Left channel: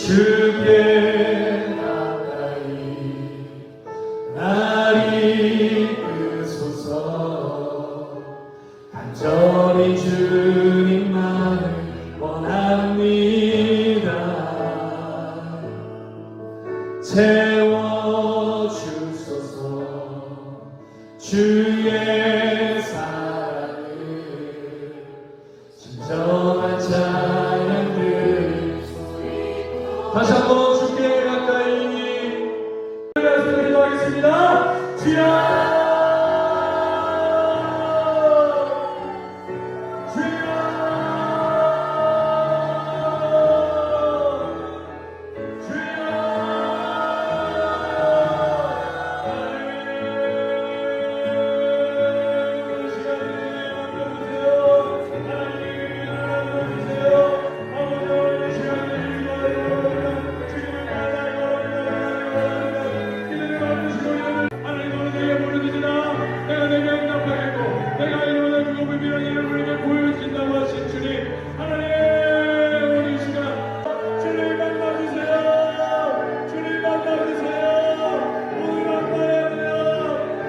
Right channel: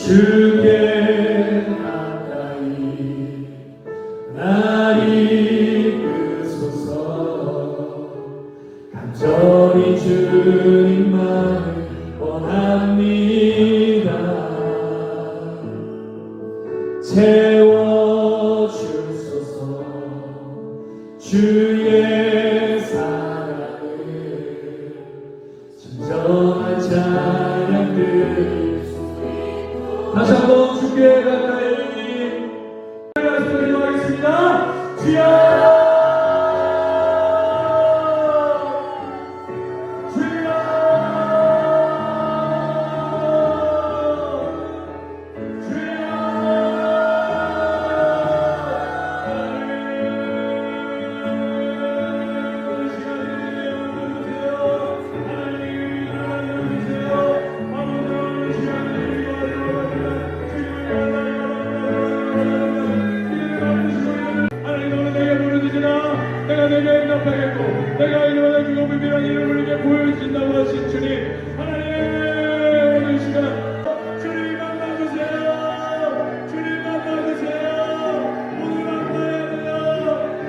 주께 가까이 날 이끄소서 간절히 주님 나를 원합니다 채워주소서 주의 사랑을 진정한 찬 Thank you. 내가 일어나 주고 비비한 이름을 위해 보여주신다고 하신 주님 하나님 오늘 시간 주님 만나주세요. 주님 만나주세요. 오늘 만나야 돼요.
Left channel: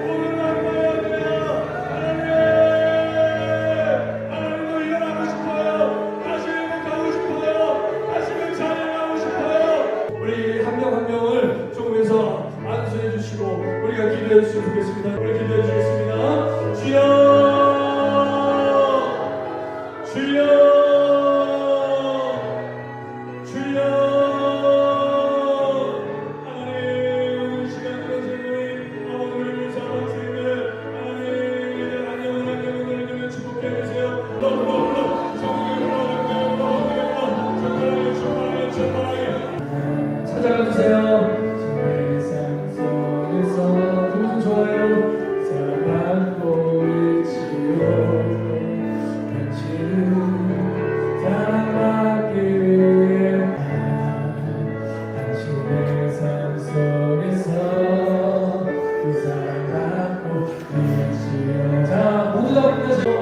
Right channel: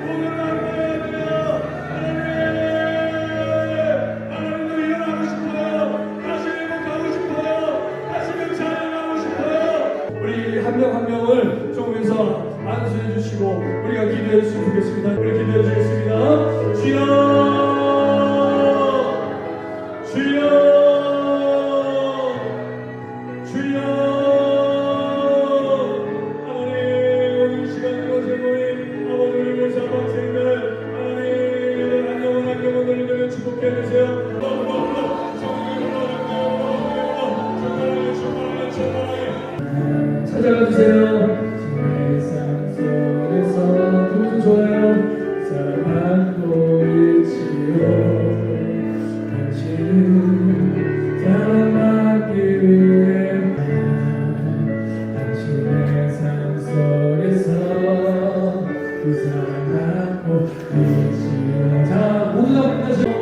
오늘 만나야 돼요. 하나님 하나님도 일어나고 싶어요. 다시 가고 싶어요. 다시금 찬양하고 싶어요. 우리 한 명 한 명을 조금해서 안수해 주시고 우리가 기도해 주시면 좋겠습니다. 우리 기도해 주겠습니다. 주여, 찾아가 주세요. 세상 속에서 기분 좋아요. 사랑하고 있지요. 당신을 사랑하기 위해 당신의 삶 속에서 그 사랑하고 있지요. 다 보내시고